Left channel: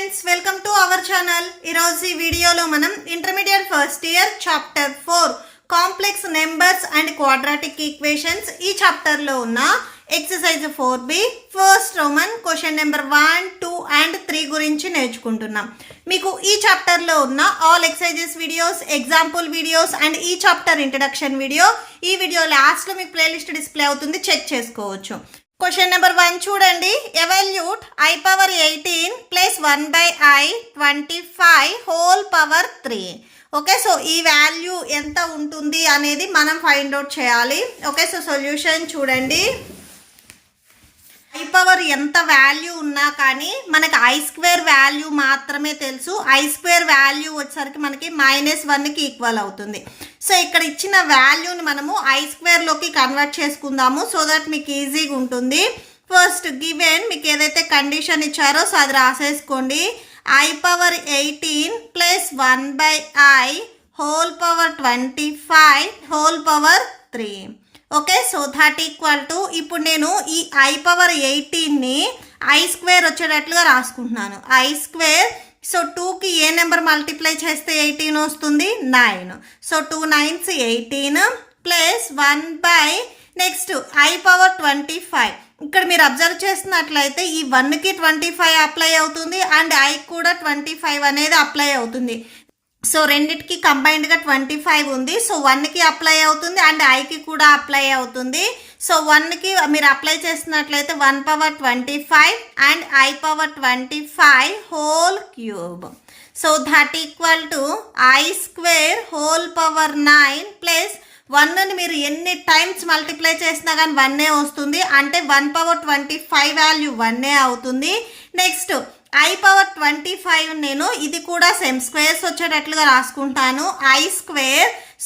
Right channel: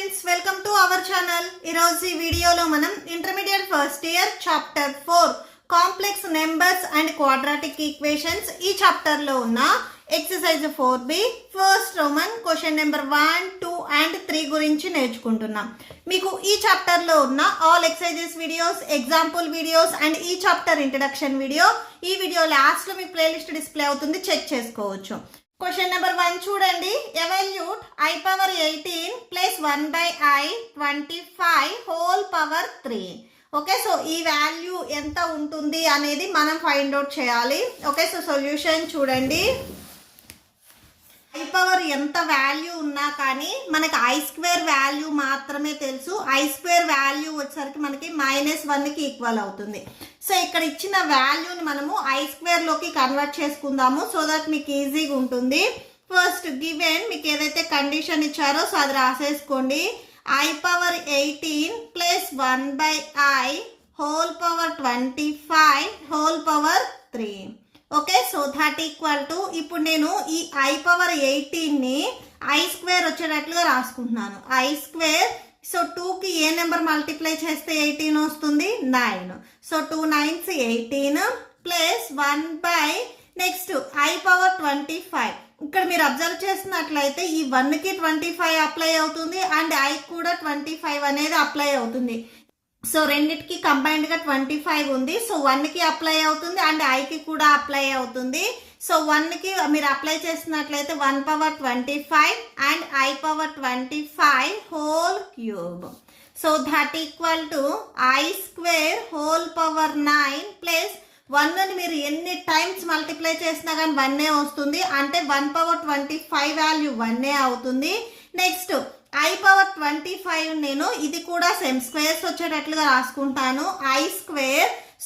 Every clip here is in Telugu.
Friends, welcome to our channel. ఈరోజు ఈ వీడియోలో మనం intermediate first year chapter 4 complex numbers and quadratic equations ఈ చాప్టర్లో ఉన్న exercise 4B first Roman question number 1, 2 and 3 గురించి నేర్చుకుంటున్నాం. మీకు ఈ చాప్టర్లో ఉన్న all exercises videos, example videos and ఈ చాప్టర్ ఇంట్రడక్షన్ వీడియో ఈ వీడియో లాస్ట్లో మీకు ప్లేలిస్ట్ డిస్ప్లే అవుతుంది, చెక్ చేసుకోవచ్చు. క్వశ్చన్ నెంబర్ 1 చూడండి. Evaluate I power 18 plus 1/i 25 whole power 3. Okay, so ఈ వాల్యూ ఎంత ఉంటుంది అనేది మనం ఫైండ్ అవుట్ చేయాలి. ఓకే, సో సొల్యూషన్ చూడండి. I పవర్ ఎంత వాల్యూ ఉన్నా కానీ మనకి I² వాల్యూ మాత్రమే తెలుసు. I² వాల్యూ వచ్చేసరికి మనకి -1కి ఈక్వల్ అవుతుంది. సో ఇక్కడ ఇచ్చిన వాల్యూని మనము I² లోకి కన్వర్ట్ చేసుకుందాము, సో దట్ మీకు ఈజీగా ఉంటుంది. ఫస్ట్ గివెన్ మీకు ఏదైతే కండిషన్ ఇచ్చారో సో అది రాసేసుకోండి. I power 18 plus 1/i whole power 25 whole power 3. Okay, so that equal to ఇప్పుడు నేను ఈ I పవర్ 18ని I² వచ్చేటట్లుగా రాసుకుంటున్నాను. I², సో 2కి ఏ నెంబర్ మల్టిప్లై చేస్తే 18 వస్తుంది? 9. So 2 9s 18 plus 1/, next I power 25. ఇక్కడ మీరు అబ్జర్వ్ చేస్తున్నట్లయితే ఈ 1కి 25 అప్లై అవుతుంది అండ్ I కూడా 25 అనేది అప్లై అవుతుంది. సో రెండిటికి కంబైన్డ్గా 25 ఉంది. సో 1కి అప్లై అవుతుంది అండ్ ఐకి కూడా అప్లై అవుతుంది. సో 1కి మీరు అప్లై చేస్తున్నట్లయితే 1 power 25 and I power 25 whole cube. So that equal to I² whole power 9 plus 1ని మీరు ఎన్ని టైమ్స్ మల్టిప్లై చేసినా కానీ 1 వస్తుంది, అంటే 1 పవర్ 25 వాల్యూ 1 అవుతుంది. నెక్స్ట్ I పవర్ 25 నేను ఇది కూడా సేమ్ స్క్వేర్స్ వచ్చేటట్లుగా రాసుకుంటాను. I²,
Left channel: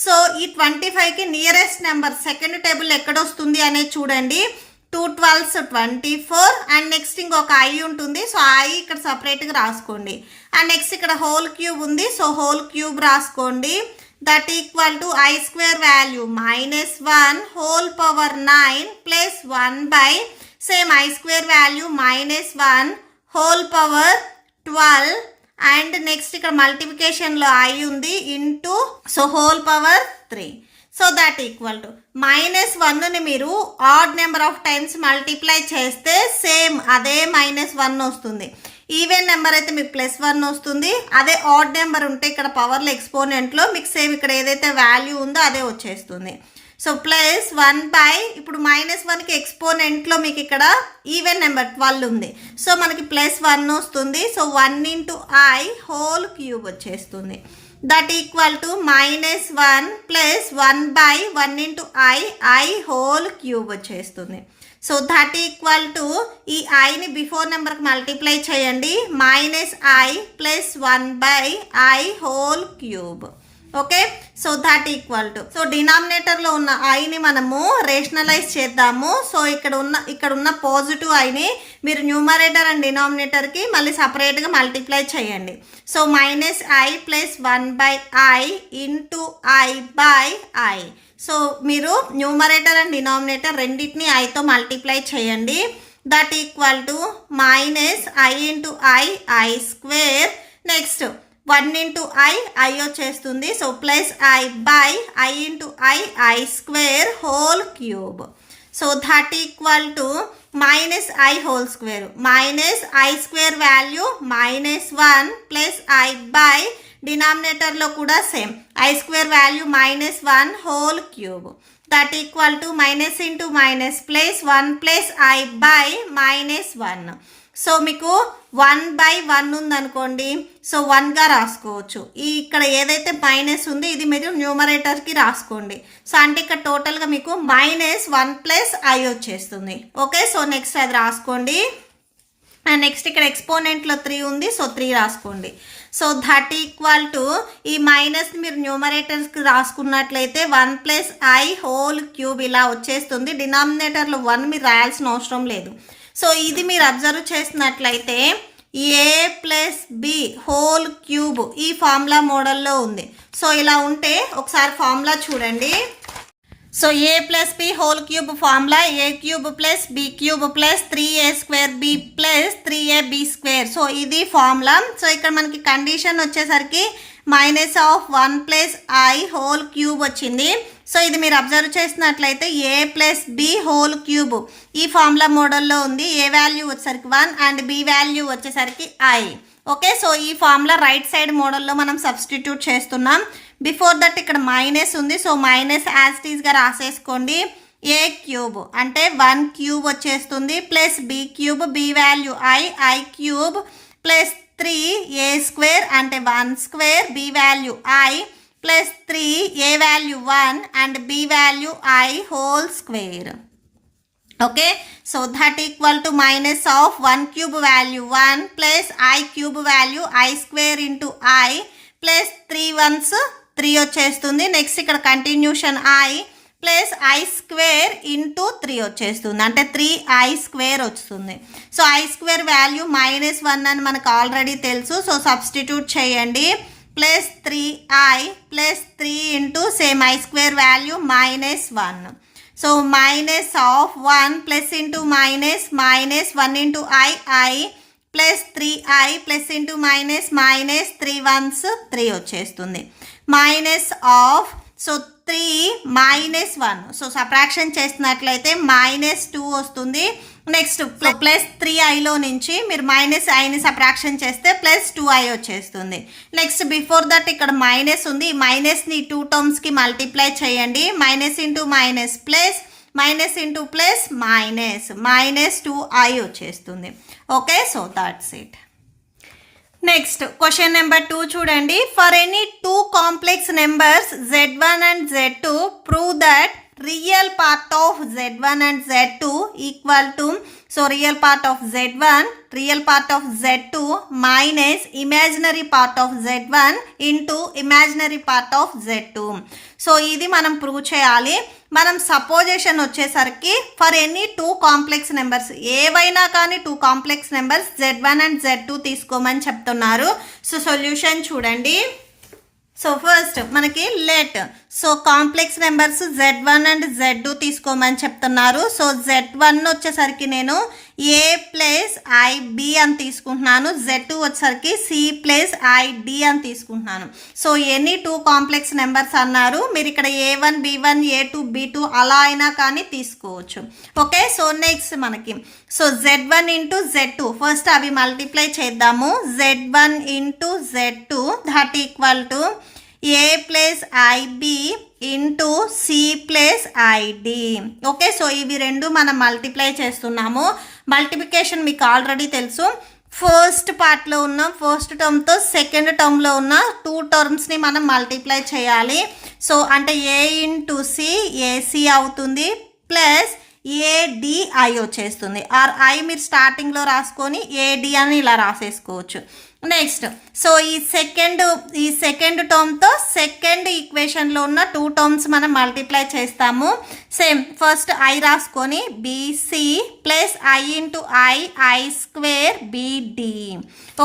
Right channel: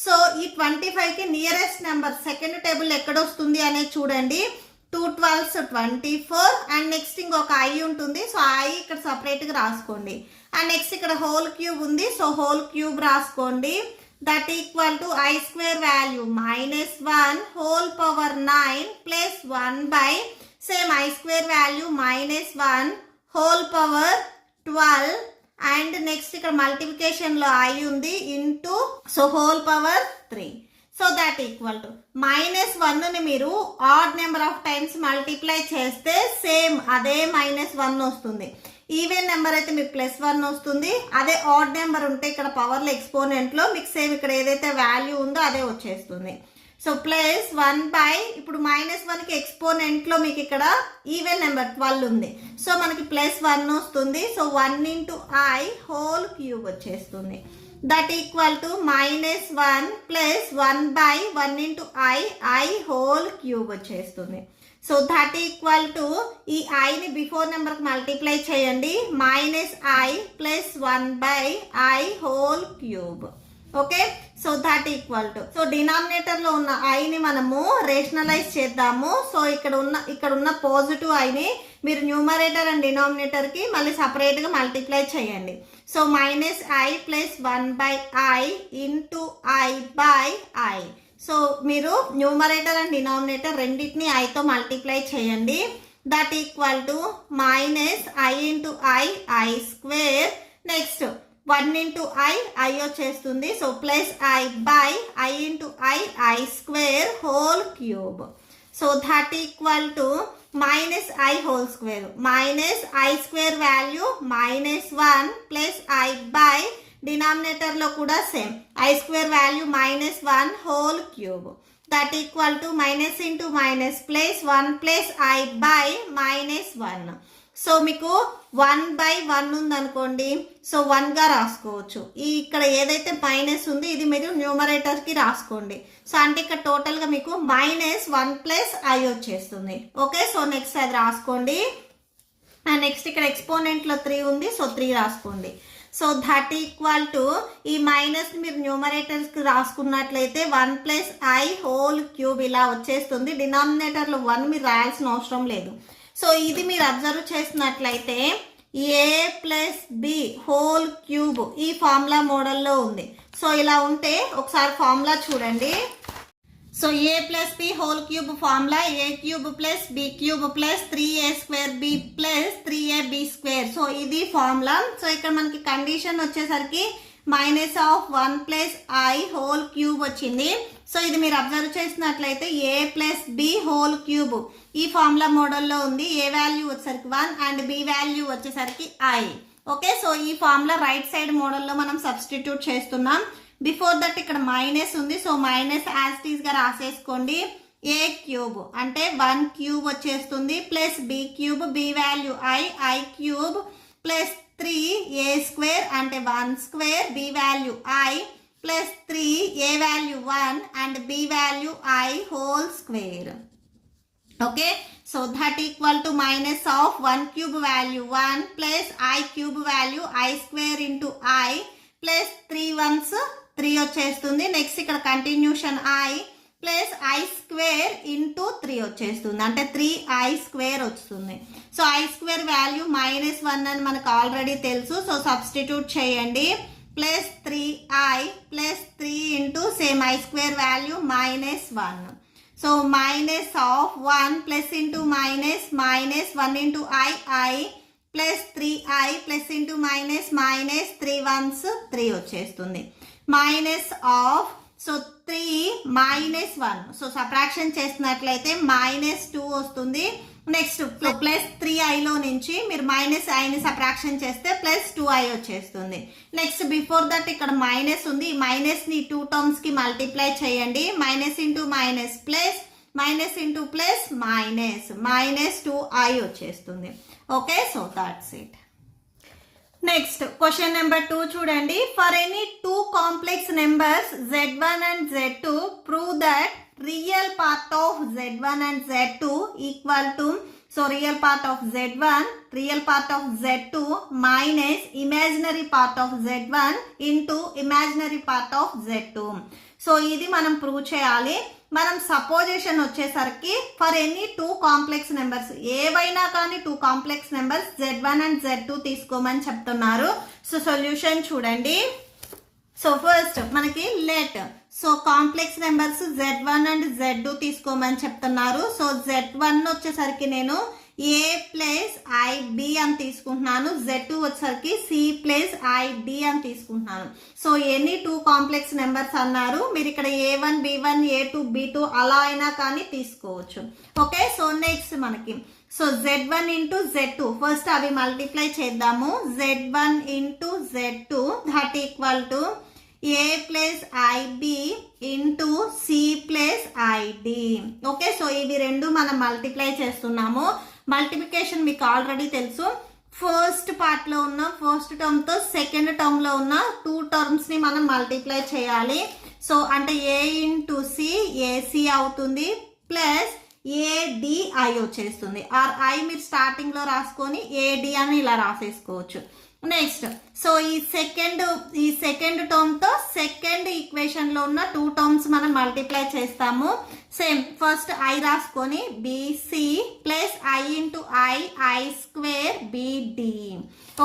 సో ఈ 25కి నియరెస్ట్ నెంబర్ సెకండ్ టేబుల్ ఎక్కడొస్తుంది అనేది చూడండి. 2 12s 24 అండ్ నెక్స్ట్ ఇంకొక I ఉంటుంది. సో I ఇక్కడ సపరేట్గా రాసుకోండి. అండ్ నెక్స్ట్ ఇక్కడ హోల్ క్యూబ్ ఉంది, సో హోల్ క్యూబ్ రాసుకోండి. That equal to I² value -1 whole power 9 plus 1/, same I² value -1 whole power 12 and next ఇక్కడ మల్టిప్లికేషన్లో I ఉంది into, so whole power 3. So that equal to -1ని మీరు odd number of times multiply చేస్తే సేమ్ అదే -1 వస్తుంది. ఈవెన్ నెంబర్ అయితే మీకు +1 వస్తుంది. అదే ఆడ్ నెంబర్ ఉంటే ఇక్కడ పవర్లో ఎక్స్పోనెంట్లో మీకు సేమ్ ఇక్కడ ఏదైతే వాల్యూ ఉందో అదే వచ్చేస్తుంది. సో ప్లస్ 1/, ఇప్పుడు -1కి ఎక్స్పోనెంట్లో మీకు ఇక్కడ ఈవెన్ నెంబర్ 12 ఉంది. సో మనకి +1 వస్తుంది. So 1 into I whole cube వచ్చేస్తుంది. That equal to -1 plus 1/1 into I whole cube వచ్చేస్తుంది. సో దట్ ఈక్వల్ టు ఈ ఐని బిఫోర్ నెంబర్కి మల్టిప్లై చేయండి. -I plus 1/i whole cube. Okay, so that equal to, so డినామినేటర్లో ఉన్న ఐని మనము రేషనలైజ్ చేద్దాము. సో ఇక్కడ ఉన్న పాజిటివ్ ఐని మీరు న్యూమరేటర్ అండ్ డినామినేటర్కి మళ్ళీ సపరేట్గా మల్టిప్లై చేయండి. So -i plus 1/i into I/i. So మీరు న్యూమరేటర్ అండ్ డినామినేటర్ రెండింటిని ఐతో మల్టిప్లై చేయండి. That equal to -i into I² next 1 into I వచ్చేస్తుంది. So plus I/i into I² whole cube. So that equal to -i whole square, -I² value -1 plus I/, డినామినేటర్లో కూడా same I² value -1 whole cube. That equal to minus into minus plus 1 plus I/, -1. So మీకు 1/1 ఉందనుకోండి, సో 1గా రాసుకోవచ్చు. ఇక్కడ ఏదైతే మైనస్ ఉంది ఇది మీరు న్యూమరేటర్కి రాసుకోండి. సో అంటే ఇక్కడ టోటల్గా మీకు -1 ప్లస్ I వచ్చేస్తుంది. ఓకే, సో నెక్స్ట్ అది రాసుకోండి. అండ్ నెక్స్ట్ ఇక్కడ ఎక్స్పోనెంట్లో 3 ఉంది, సో 3 రాసుకోండి. సో దట్ ఈక్వల్ టు ఈ మైనస్ మీరు న్యూమరేటర్స్కి రాసుకున్నట్లయితే 1 ప్లస్ I హోల్ క్యూబ్ ఇలా వచ్చేస్తుంది. డినామినేటర్లో 1 మీరు రాయాల్సిన అవసరం లేదు. సో ఇది మీరు అబ్జర్వ్ చేసినట్లయితే A plus B whole cube ఈ ఫార్ములా మోడల్లో ఉంది. సో ఇలా ఉంటే ఒకసారి ఫార్ములా చూడండి. So A plus B whole cube formula A cube plus B cube plus 3a square B plus 3ab square. So ఇది ఫార్ములా. సో ఇక్కడ మనకి కండిషన్ వచ్చేసరికి -1 ప్లస్ ఐ హోల్ క్యూబ్ వచ్చింది. సో ఇది మీరు అబ్జర్వ్ చేసినట్లయితే A plus B whole cube ఈ ఫార్ములా మోడల్లో ఉంది. ఏ వాల్యూ వచ్చేసరికి 1 అండ్ బి వాల్యూ వచ్చేసరికి ఐ. ఓకే, సో ఈ ఫార్ములా రైట్ సైడ్ మోడల్లో మనం సబ్స్టిట్యూట్ చేస్తున్నాం. బిఫోర్ దట్ ఇక్కడ మైనస్ ఉంది. సో మైనస్ యాజ్ ఇట్ ఈస్గా రాసేసుకోండి. ఏ క్యూబ్ అంటే 1 క్యూబ్ వచ్చేస్తుంది plus B cube B value i cube plus 3a square అంటే 1 square B value i plus 3 A value 1 and B value i whole square. Okay, so that equal to minus of 1 cube value 1 plus I cube value I square into I plus 3 ones 3 వచ్చేస్తుంది. నెక్స్ట్ ఇక్కడ continuation I plus I square into 3 వచ్చేస్తుంది అంటే 3i స్క్వేర్ వస్తుంది. సో ఐ స్క్వేర్ వాల్యూ -1 అని మనకు ఆల్రెడీ తెలుసు. సో సబ్స్టిట్యూట్ చేయండి. Plus 3i plus 3 into same I square value -1. So -1 plus into -1 into I plus 3i plus into -3 ones 3 వచ్చేస్తుంది. సో 3 -1 సో సబ్ట్రాక్షన్ చేసినట్లయితే -2 వస్తుంది. నెక్స్ట్ ప్లస్ 3iలో నుంచి మీరు -iని సబ్ట్రాక్షన్ చేస్తే ప్లస్ 2i వచ్చేస్తుంది. నెక్స్ట్ బిఫోర్ దట్ ఇక్కడ మైనస్ ఉంది. ఈ మైనస్ని 2 టర్మ్స్కి మల్టిప్లై చేయండి. Minus into minus plus minus into plus -2i వచ్చేస్తుంది. Okay, so that's it. Next question number 2 చూడండి. For any 2 complex numbers z1 and z2 prove that real part of z1 and z2 equal to so real part of z1 real part of z2 minus imaginary part of z1 into imaginary part of z2. So ఇది మనం ప్రూవ్ చేయాలి. మనం సపోజిషన్ వచ్చేసరికి ఫర్ ఎనీ 2 కాంప్లెక్స్ నెంబర్స్ ఏవైనా కానీ 2 complex numbers z1 and z2 తీసుకోమని చెప్తున్నారు. సో సొల్యూషన్ చూడండి. సో ఫస్ట్ మనకి let so complex numbers z1 and z2 తీసుకోమని చెప్తున్నారు. సో z1 వచ్చేసరికి నేను a ప్లస్ ఐబి అని తీసుకుంటున్నాను. z2 వచ్చేసరికి c ప్లస్ ఐడి అని తీసుకుంటున్నాను. సో ఎనీ 2 కాంప్లెక్స్ నెంబర్స్ అన్నారు. మీరు ఇక్కడ a1 b1 a2 b2 అలా అయినా కానీ తీసుకోవచ్చు. ఓకే, సో నెక్స్ట్ మనకి so z1 into z2 first అవి మల్టిప్లై చేద్దాము. z1 into z2 that equal to a plus IB into C plus ID. Okay, so ఇవి రెండు మనం మల్టిప్లై చేస్తున్నాము. మల్టిప్లికేషన్ మీకు ఆల్రెడీ తెలుసు. ఫస్ట్ పార్ట్లో ఉన్న ఫస్ట్ టర్మ్తో సెకండ్ టర్మ్లో ఉన్న 2 టర్మ్స్ని మనం మల్టిప్లై చేయాలి. సో అంటే ఏ ఇంటూ సి ఏసీ అవుతుంది ప్లస్ ఏడిఐ వచ్చేస్తుంది. ఆర్ ఐ మీరు స్టార్టింగ్లో రాసుకొని ఏడి అని ఇలా రాసేసుకోవచ్చు. నెక్స్ట్ సో ఈ సెకండ్ టర్మ్తో సెకండ్ ఈక్వేషన్లో ఉన్న 2 టర్మ్స్ మనం మల్టిప్లై చేస్తాము. సేమ్ ఫస్ట్ ఐ రాసుకొని BC plus i into i square BD.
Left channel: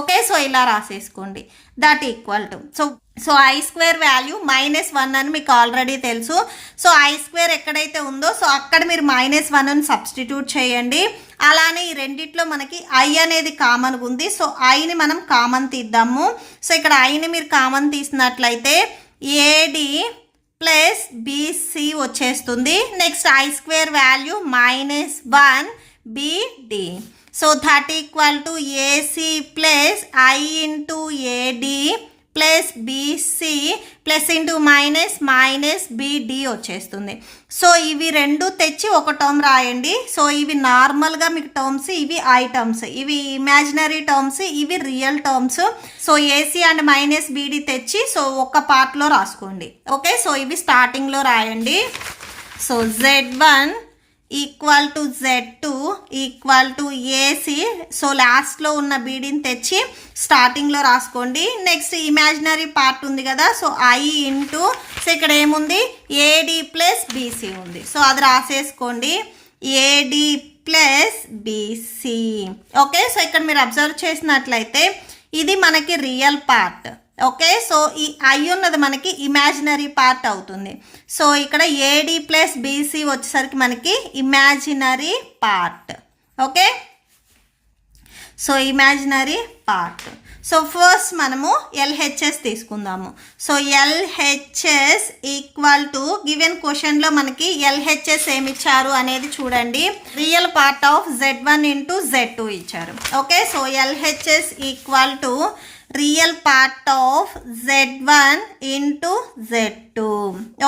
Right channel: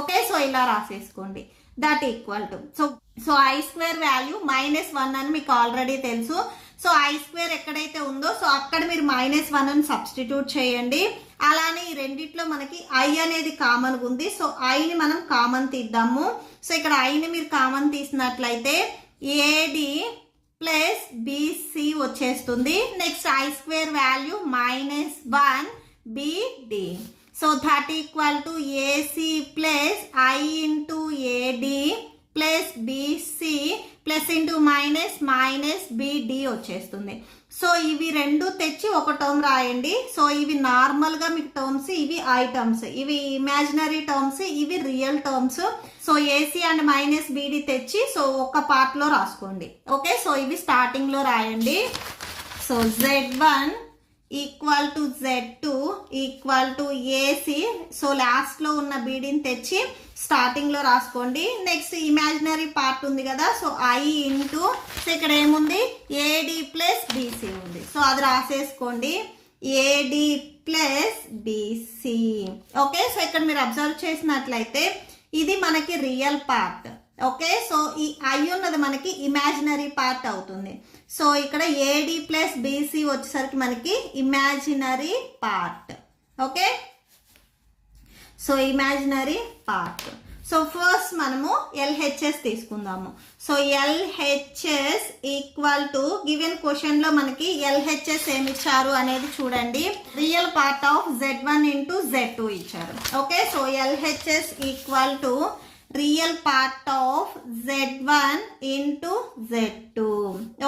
Okay, so ఇలా రాసేసుకోండి. That equal to so i square value -1 అని మీకు ఆల్రెడీ తెలుసు. సో ఐ స్క్వేర్ ఎక్కడైతే ఉందో సో అక్కడ మీరు -1 అని సబ్స్టిట్యూట్ చేయండి. అలానే ఈ రెండిట్లో మనకి ఐ అనేది కామన్గా ఉంది. సో ఐని మనం కామన్ తీద్దాము. సో ఇక్కడ ఐని మీరు కామన్ తీసినట్లయితే ఏడి ప్లస్ బీసీ వచ్చేస్తుంది. Next i square value -1 BD. So that equal to AC plus i into AD plus BC plus into minus BD వచ్చేస్తుంది. సో ఇవి రెండు తెచ్చి ఒక టర్మ్ రాయండి. సో ఇవి నార్మల్గా మీకు టర్మ్స్, ఇవి ఐ టర్మ్స్, ఇవి ఇమాజినరీ టర్మ్స్, ఇవి real terms. So AC and -BD తెచ్చి సో ఒక పార్ట్లో రాసుకోండి. ఓకే, సో ఇవి స్టార్టింగ్లో రాయండి. So z1 equal to z2 equal to AC. So లాస్ట్లో ఉన్న బీడీని తెచ్చి స్టార్టింగ్లో రాసుకోండి. నెక్స్ట్ ఇమాజినరీ పార్ట్ ఉంది కదా, సో ఐ ఇంటూ సో ఇక్కడ ఏముంది ఏడి ప్లస్ బీసీ ఉంది. సో అది రాసేసుకోండి. AD plus BC. Okay, so ఇక్కడ మీరు అబ్జర్వ్ చేసినట్లయితే ఇది మనకి రియల్ పార్ట్. ఓకే, సో ఈ ఐ ఉన్నది మనకి ఇమాజినరీ పార్ట్ అవుతుంది. సో ఇక్కడ ఏడి ప్లస్ బీసీ వచ్చేసరికి మనకి imaginary part. Okay, so imaginary part. So first మనము ఎల్హెచ్ఎస్ తీసుకుందాము. So LHS equal to given క్వశ్చన్లో మనకి ఎల్హెచ్ఎస్ ఏమి ఇచ్చారు అనేది చూడండి. Real part of Z1 into Z2 ఇచ్చారు. Okay, so LHS equal to real part of Z1 into Z2.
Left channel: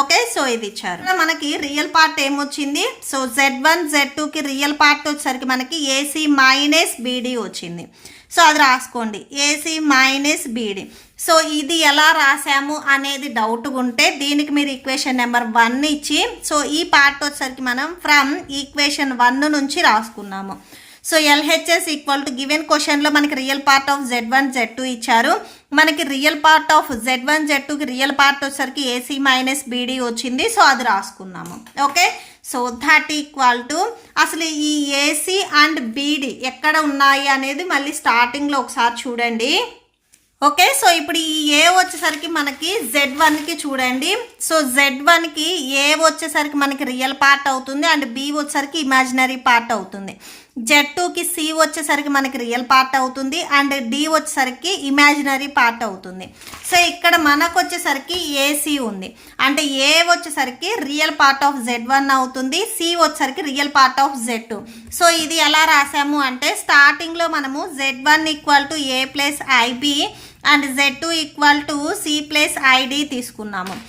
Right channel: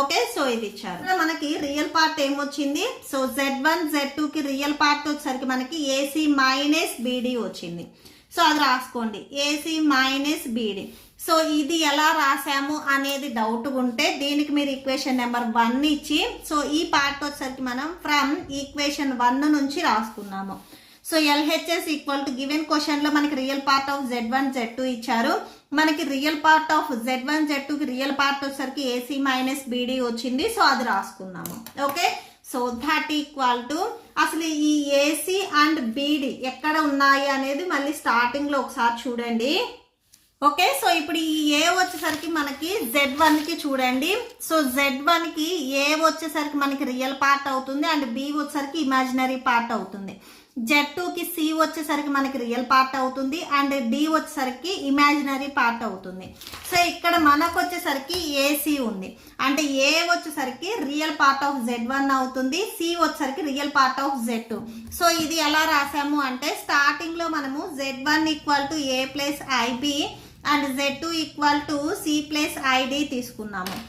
Okay, so ఇది ఇచ్చారు. మనకి రియల్ పార్ట్ ఏమొచ్చింది? సో Z1 Z2కి రియల్ పార్ట్ వచ్చేసరికి మనకి ఏసీ మైనస్ బీడీ వచ్చింది. సో అది రాసుకోండి, ఏసీ మైనస్ బీడీ. సో ఇది ఎలా రాసాము అనేది డౌట్ ఉంటే దీనికి మీరు ఈక్వేషన్ నెంబర్ 1 ఇచ్చి, సో ఈ పార్ట్ వచ్చేసరికి మనం ఫ్రమ్ ఈక్వేషన్ 1 నుంచి రాసుకున్నాము. So LHS equal to given క్వశ్చన్లో మనకి real part of Z1 Z2 ఇచ్చారు. మనకి రియల్ పార్ట్ ఆఫ్ Z1 Z2కి రియల్ పార్ట్ వచ్చేసరికి ఏసీ మైనస్ బీడీ వచ్చింది. సో అది రాసుకున్నాము. Okay, so that equal to అసలు ఈ ఏసీ అండ్ బీడీ ఎక్కడ ఉన్నాయి అనేది మళ్ళీ స్టార్టింగ్లో ఒకసారి చూడండి. ఓకే, సో ఇప్పుడు ఈ ఏ వచ్చేసరికి మనకి Z1కి చూడండి. సో Z1కి ఏ వచ్చేసరికి మనకి రియల్ పార్ట్ అవుతుంది అండ్ బి వచ్చేసరికి ఇమాజినరీ పార్ట్ అవుతుంది. Z2కి సి వచ్చేసరికి మనకి రియల్ పార్ట్ అవుతుంది అండ్ డి వచ్చేసరికి ఇమాజినరీ పార్ట్ అవుతుంది. సో ఇక్కడ మనకు వచ్చేసరికి ఏసీ ఉంది అంటే ఏ వచ్చేసరికి రియల్ పార్ట్ ఆఫ్ Z1 అవుతుంది, సి వచ్చేసరికి real part of Z2. So ఇది ఎలా రాసాము అంటే స్టార్టింగ్లో మనము Z1 equal to a plus i b and Z2 equal to c plus i d తీసుకున్నాము.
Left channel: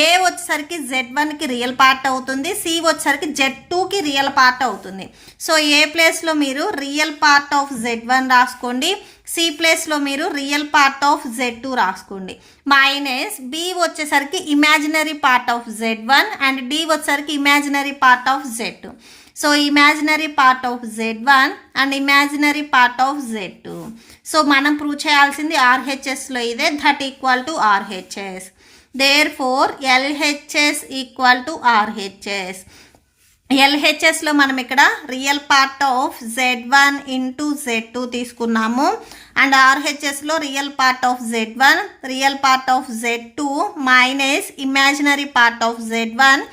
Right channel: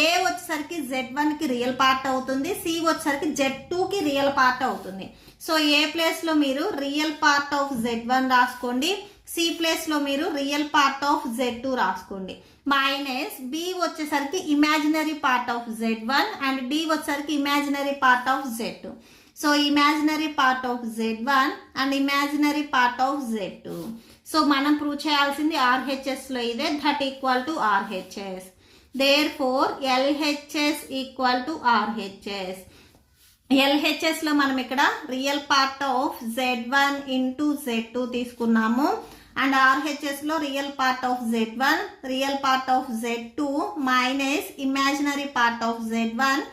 ఏ వచ్చేసరికి Z1కి రియల్ పార్ట్ అవుతుంది, సి వచ్చేసరికి Z2కి రియల్ పార్ట్ అవుతుంది. సో ఏ ప్లేస్లో మీరు రియల్ పార్ట్ ఆఫ్ Z1 రాసుకోండి, సి ప్లేస్లో మీరు రియల్ పార్ట్ ఆఫ్ Z2 రాసుకోండి. మైనస్ బి వచ్చేసరికి imaginary part of Z1 and D వచ్చేసరికి imaginary part of Z2. So imaginary part of Z1 and imaginary part of Z2. సో మనం ప్రూవ్ చేయాల్సింది ఆర్హెచ్ఎస్లో ఇదే, that equal to RHS. Therefore LHS equal to RHS. ఎల్హెచ్ఎస్లో మనం ఇక్కడ real part of Z1 into Z2 తీసుకున్నాము అండ్ ఆర్హెచ్ఎస్లో real part of Z1 real part of Z2 minus imaginary part of Z1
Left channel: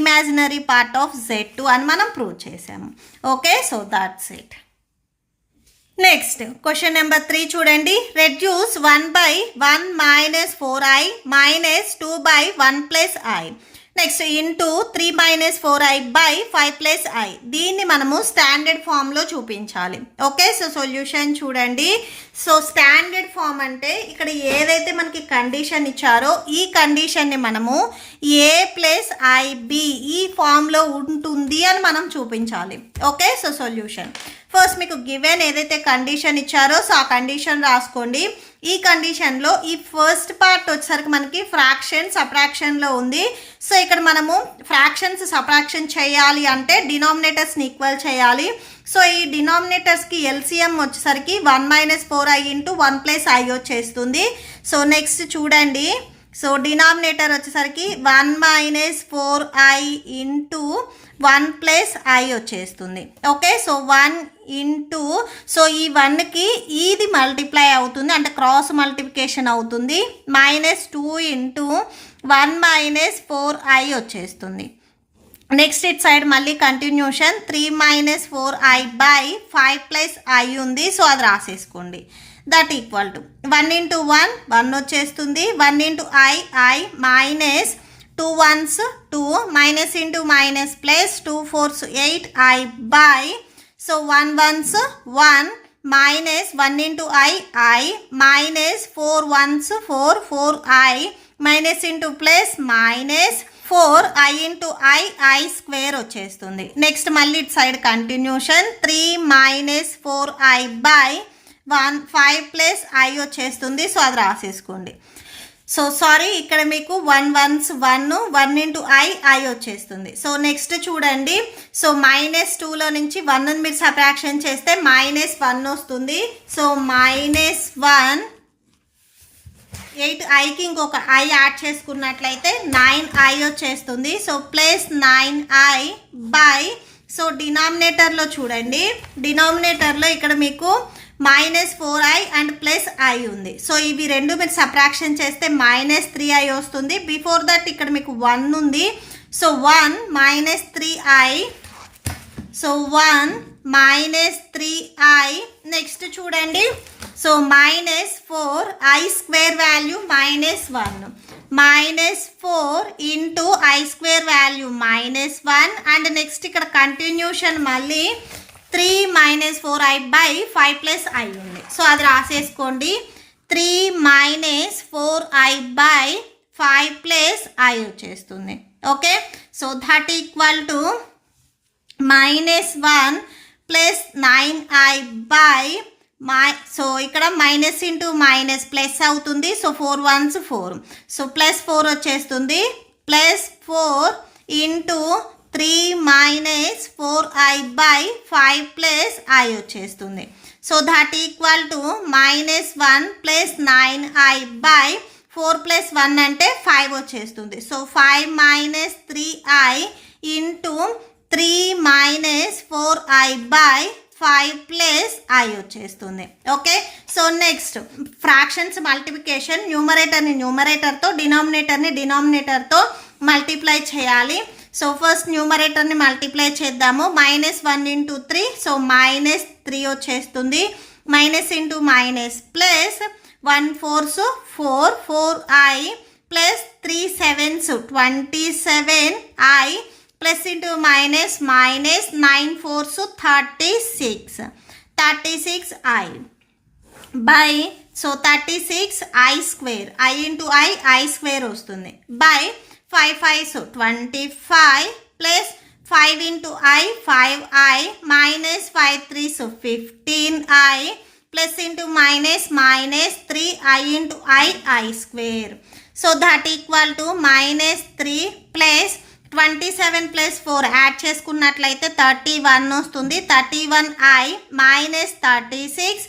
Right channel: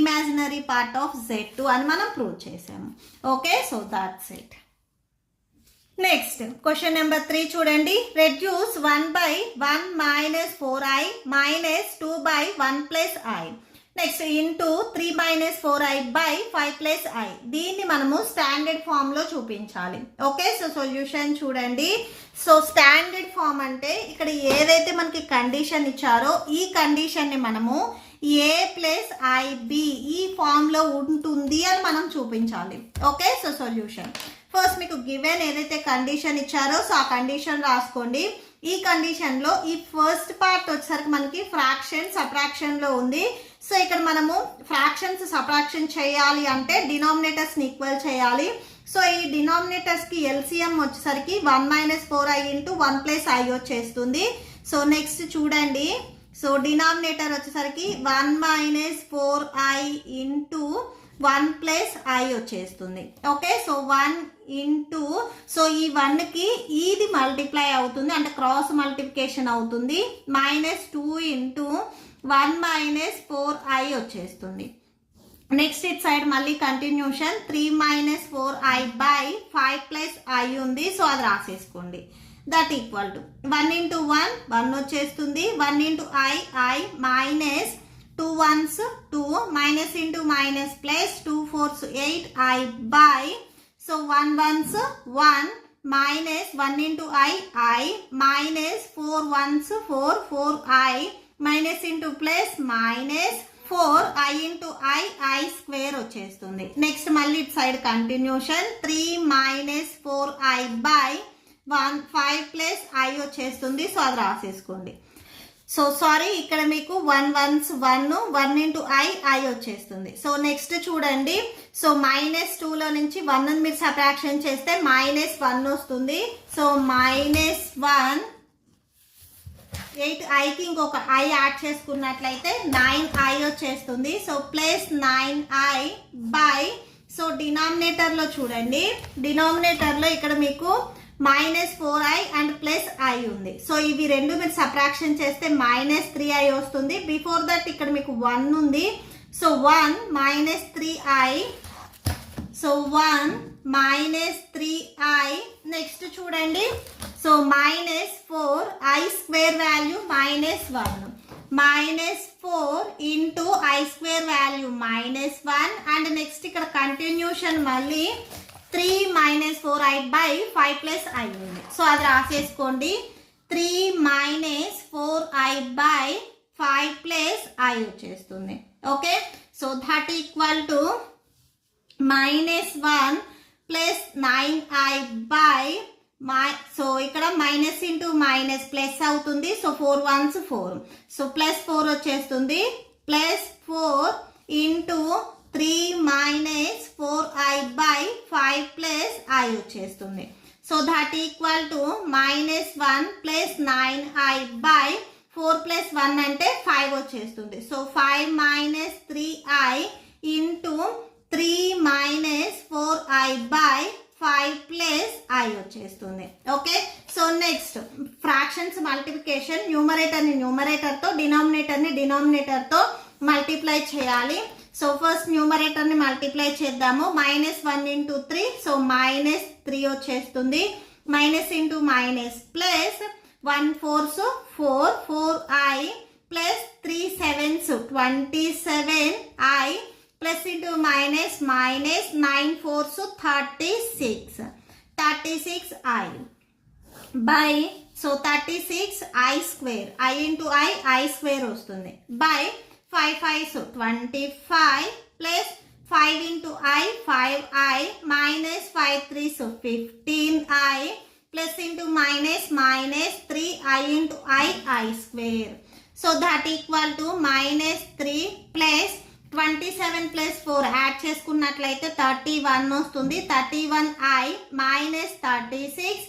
imaginary part of Z2 అని మనం ప్రూవ్ చేసాము. Okay, so that's it. Next question number 3 చూడండి. Reduce 1/1 minus 4i minus 2/1 plus i next into 3 minus 4i by 5 plus i. దీన్ని మనము స్టాండర్డ్ ఫామ్లో చూపించాలి. ఓకే, సో సొల్యూషన్ చూడండి. సో స్టాండర్డ్ ఫామ్ అంటే ఇక్కడ ఏదైతే మనకి కండిషన్ ఇచ్చారో ఈ కండిషన్ని మనము ఏ ప్లస్ ఐబి ఈ ఫామ్లో ఉంటుంది అని మనం చూపించాలి. ఓకే, సో సొల్యూషన్ ఫస్ట్ మీకు గివెన్ ఏదైతే కండిషన్ ఇచ్చారో సో ఆ కండిషన్ రాసుకోండి. ఈ కండిషన్లో ఈ ఫస్ట్ పార్ట్ వచ్చేసరికి మనకి ఫ్రాక్షన్ సబ్ట్రాక్షన్లో ఉంది. సో ఇక్కడ మనము ఫ్రాక్షన్స్ సబ్ట్రాక్షన్ చేయాలి అంటే డినామినేటర్స్ని ఈక్వల్ చేయాలి. సో ఈ డినామినేటర్స్కి ఎల్సిఎం వచ్చేసరికి 1 minus 4i into 1 plus i వచ్చేస్తుంది. సో నెక్స్ట్ చూడండి. సో డినామినేటర్ వచ్చేసరికి 1 minus 4i into 1 plus i వచ్చేస్తుంది. ఓకే, సో 1 ఇంటూ సో ఈ 1కి ఇది మల్టిప్లై అవుతుంది అంటే క్రాస్ మల్టిప్లికేషన్ అవుతుంది. మైనస్ 2 ఇంటూ 1 మైనస్ 4i వచ్చేస్తుంది. నెక్స్ట్ ఇట్ సైడ్ మళ్ళీ continuation 3 minus 4i by 5 plus i ఉంది. సో అది రాసేసుకోండి. దట్ ఈక్వల్ టు 1 ఇంటూ 1 వచ్చేస్తుంది. 1 into i minus 2 1s 2 minus into minus plus 2 4s 8i by so 1 1s 1 minus 1 into i minus 4 1s 4 4i minus into plus minus 4i into i square వచ్చేస్తుంది. నెక్స్ట్ మళ్ళీ it side continuation 3 minus 4i by 5 plus i వచ్చేస్తుంది. సో అది రాసేసుకోండి. సో సారీ ఇక్కడ మీకు 1 1s 1 ఇంటూ i వచ్చేస్తుంది. సో నెక్స్ట్ చూడండి. సో మైనస్ 2లో నుంచి 1ని మీరు సబ్ట్రాక్షన్ చేస్తే మైనస్ 1 వస్తుంది. సో మైనస్ 1 8iకి ఇంకొక i యాడ్ చేసుకున్నట్లయితే 9i వచ్చేస్తుంది. So plus 9i by so డినామినేటర్లో చూడండి. డినామినేటర్లో ఇక్కడ మీకు -4i అండ్ ప్లస్ i ఉంది. సో ఇవి రెండు మీరు సబ్ట్రాక్షన్ చేస్తే -3i వస్తుంది. బిఫోర్ దట్ ఇక్కడ మీకు 1 ఉంది. So 1 -3i. So 1 -3i. Next చూడండి. So -4i square value -1 -4 into i square value -1 and next ఇక్కడ కంటిన్యూషన్ మళ్ళీ 3 -4i బై 5 + i ఉంది. సో అది రాసేసుకోండి. 3 -4i బై 5 + i వచ్చేస్తుంది. Okay, so that equal to -1 + 9i by so ఇక్కడ మైనస్ ఇంటూ మైనస్ ప్లస్ అవుతుంది. So 4 1s 4. సో +4 వచ్చేస్తుంది. +4 ఇంటూ 3 -4i బై 5 + i వచ్చేస్తుంది. So that equal to -1 + 9i by 4 + 1 అంటే 5 వచ్చేస్తుంది. So 5 - 3i into 3 -4i by 5 + i వచ్చేస్తుంది. Okay, so next fractions multiplication. న్యూమరేటర్ని న్యూమరేటర్తో, డినామినేటర్ని డినామినేటర్తో మల్టిప్లై చేయాలి. సో ఫస్ట్ న్యూమరేటర్ని మల్టిప్లై చేద్దాము. -1 × 3. సో -3 వచ్చేస్తుంది. Minus into minus plus 1 4s 4 4i plus 3 7s 27i plus into minus 9 4s 36i by so 36i square. i into i square వస్తుంది. By 5 5s 25 plus 5 into i 5i minus 5 3s 15i plus into minus 3i into i square. So that equal to -3 plus 27 + 4 add చేసుకున్నట్లయితే 31 వస్తుంది. 31i minus 36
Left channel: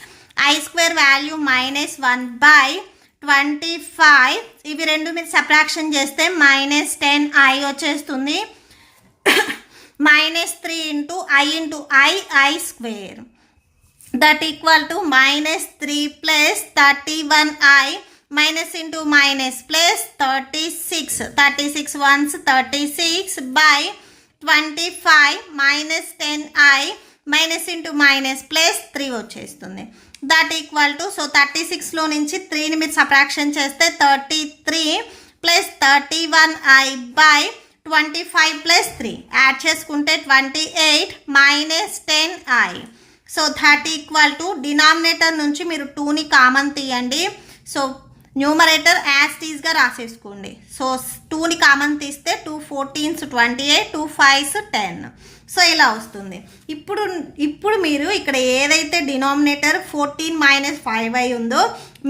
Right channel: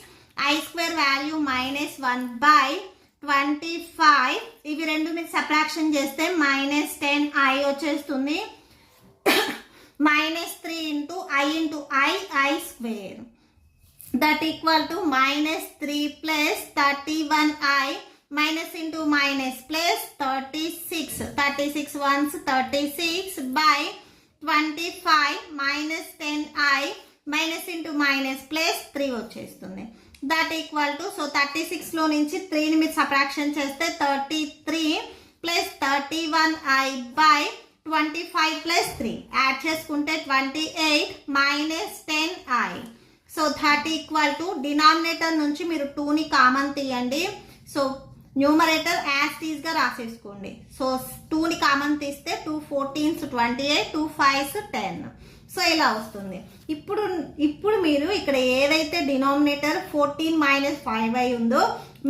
i square value -1 by 25. ఇవి రెండు మీరు సబ్ట్రాక్షన్ చేస్తే -10i వచ్చేస్తుంది. -3 into i square that equal to -3 plus 31i minus into minus plus 36 1s 36 by 25 -10i minus into minus plus 3 వచ్చేస్తుంది. దట్ ఈక్వల్ టు సో 36లో నుంచి 3ని మీరు సబ్ట్రాక్షన్ చేస్తే 33 plus 31i by 25 plus 3 add చేసుకుంటే 28 -10i. So that equal to denominator నుంచి మీరు 2ని కామన్ తీయండి. సో న్యూమరేటర్ యాజ్ టీజ్గా రాసేసుకోండి. సో 2ని కామన్ తీస్తే 2 14s 28 2 5s 10. సో ఇలా వస్తుంది. ఇప్పుడు మీరు ఇక్కడ ఏదైతే డినామినేటర్ 14 - 5i ఉందో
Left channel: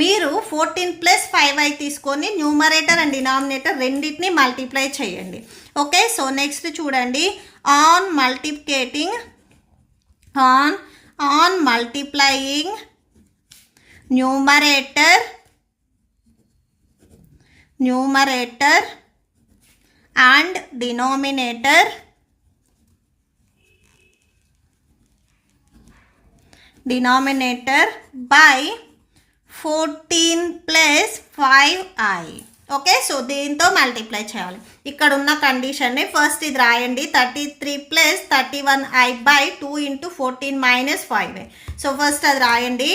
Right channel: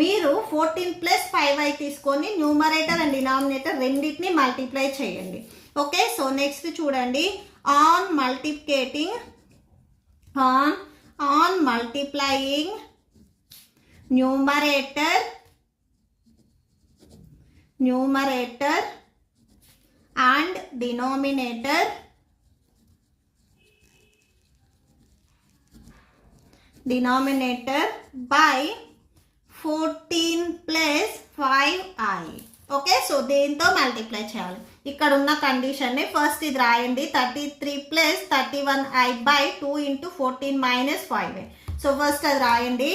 మీరు 14 + 5i తీసుకొని న్యూమరేటర్ అండ్ డినామినేటర్ రెండింటిని మల్టిప్లై చేయండి. ఓకే, సో నెక్స్ట్ చూడండి. On multiplying numerator and denominator by 14 + 5i. Okay, so దీంతో మల్టిప్లై చేయాలి. ఇక్కడ ఉన్న కండిషన్ని ఫస్ట్ ఇది రాయండి. 33 + 31i by 2 × 14 - 5i. So first అది రాయండి.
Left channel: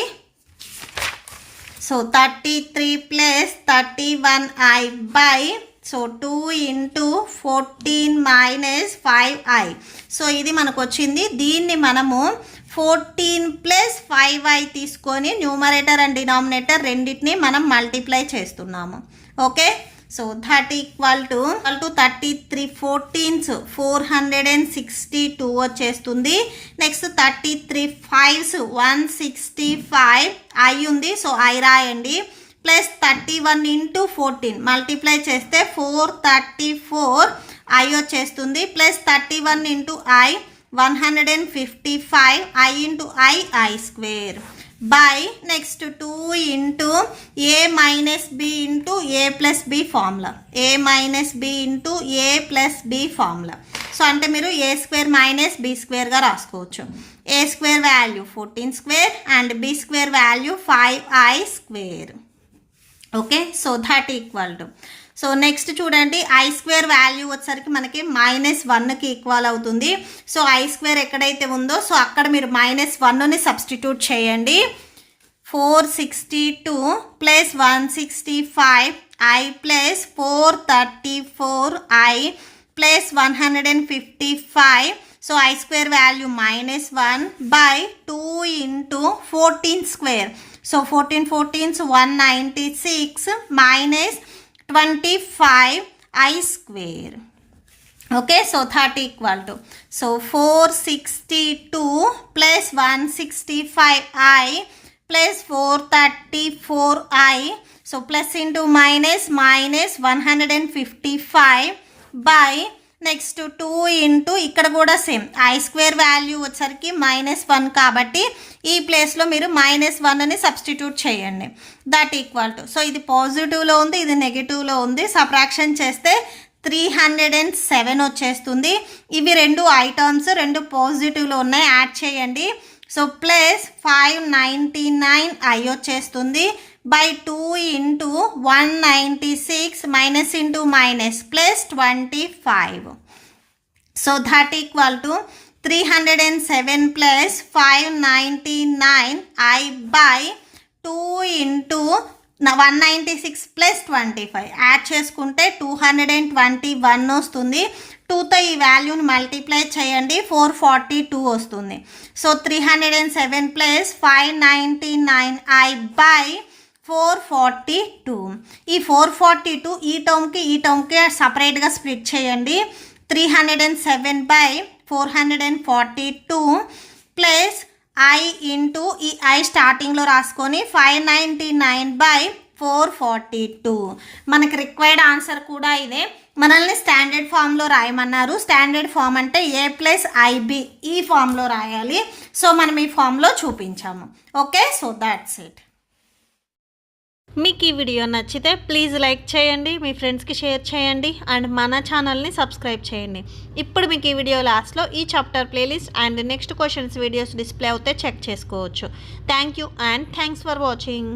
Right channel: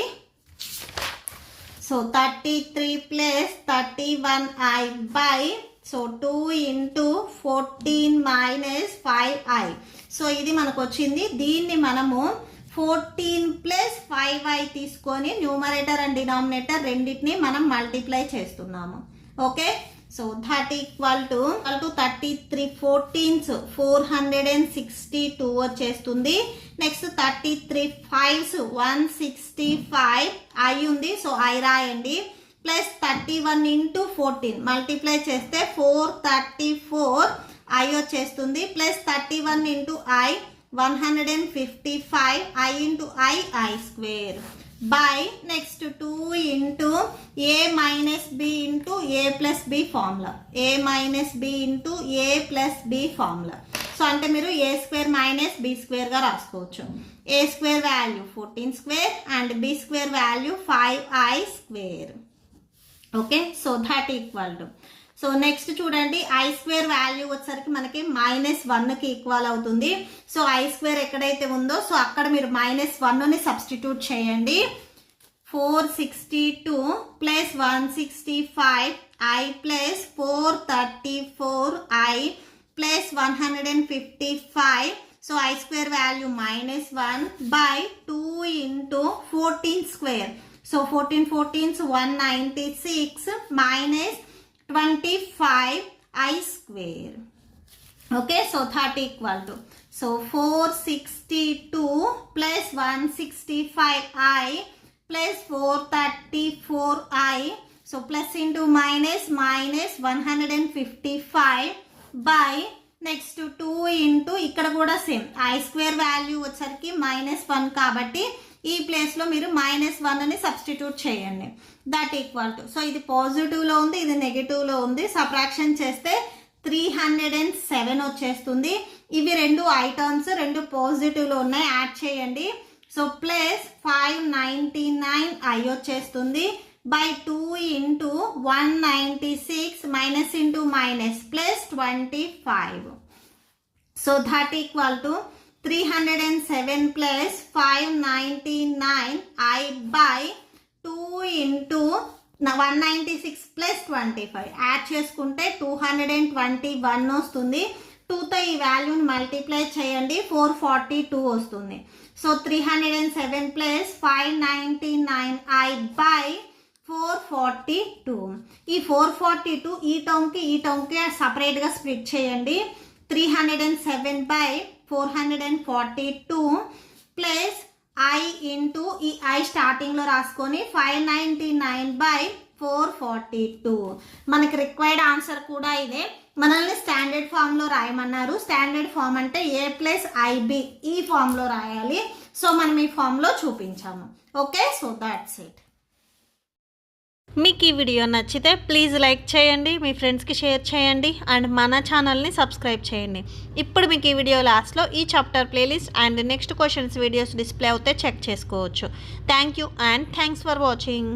So 33 + 31i by so 2 × 14 - 5i. So ఇది మనకు వచ్చింది. దీన్ని మనము 14 + 5i తీసుకొని న్యూమరేటర్ అండ్ డినామినేటర్ రెండింటిని మనం మల్టిప్లై చేస్తున్నాము. Okay, so that equal to 33 14s 462 వచ్చేస్తుంది. నెక్స్ట్ 33 5s 165 i ఉంది. సో i రాయండి. ప్లస్ 31 × 14 మల్టిప్లై చేస్తే 434 i వచ్చేస్తుంది. Plus 31 × i 155 i into i square by next 2 into a minus b into a plus b formula. a minus b into a plus b formula. So అంటే మీరు ఏ స్క్వేర్ మైనస్ బి స్క్వేర్గా రాసుకోవచ్చు. ఏ square value 14 square and b square value 5i square. Okay, so that equal to, so next చూడండి ఐ స్క్వేర్ వాల్యూ వచ్చేసరికి మనకి -1కి ఈక్వల్ అవుతుంది. సో ఐ స్క్వేర్ ఎక్కడైతే ఉందో సో అక్కడ మీరు -1ని సబ్స్టిట్యూట్ చేయండి. 462 plus 165i plus 434i plus 155. So i square value -1 by 2 into 14 square. So 14 14s 196 minus 25i square. Okay, so that equal to, so 462 plus 165i plus 434i. So plus into minus minus 155 by next 2 into ఇక్కడ కూడా సేమ్ ఐ స్క్వేర్ వాల్యూ వచ్చరికి -1 కాబట్టి ఈ ప్లేస్లో మీరు -1ని సబ్స్టిట్యూట్ చేయండి. దట్ ఈక్వల్ టు, సో ఇది పాజిటివ్లో ఉంది, ఇది నెగిటివ్లో ఉంది. సబ్ట్రాక్షన్ చేస్తే 307 వచ్చేస్తుంది. ఇవి రెండు ఐ టర్మ్స్ రెండు పాజిటివ్లో ఉన్నాయి, యాడ్ చేయండి. సో ప్లస్ 599i వచ్చేస్తుంది by 2 into 196 minus into minus plus 25. So that equal to 307 plus 599i by 2 into 196 plus 25 add చేసుకుంటే 221 వస్తుంది. 2తో ఈ వాల్యూని మల్టిప్లై చేయండి, 442 వస్తుంది. So 307 plus 599i by 442. ఈ 442 ఈ టర్మ్కి సపరేట్గా స్ప్లిట్ చేయండి. 307 బై 442 ప్లస్ ఐ ఇంటూ ఈ ఐ స్టార్టింగ్లో రాసుకొని 599 బై 442. మనకి రిక్వైర్డ్ ఆన్సర్ కూడా ఇదే. మనల్ని స్టాండర్డ్ ఫామ్లో రాయమన్నారు. స్టాండర్డ్ ఫామ్ అంటే a ప్లస్ ఐబి ఈ ఫామ్లో రాయాలి. సో మనం ఈ ఫామ్లో చూపించాము. Okay, so that's it. మీకు ఈ వీడియో నచ్చితే ప్లీజ్ లైక్ చేయండి, మీ ఫ్రెండ్స్కి షేర్ చేయండి అండ్ మన ఛానల్ని సబ్స్క్రైబ్ చేయండి. ఇప్పుడు మీకు ఈ వీడియో లాస్ట్లో ఈ chapter playlist and next questions videos display అవుతే చెక్ చేసుకోవచ్చు. Thank you and thanks for watching.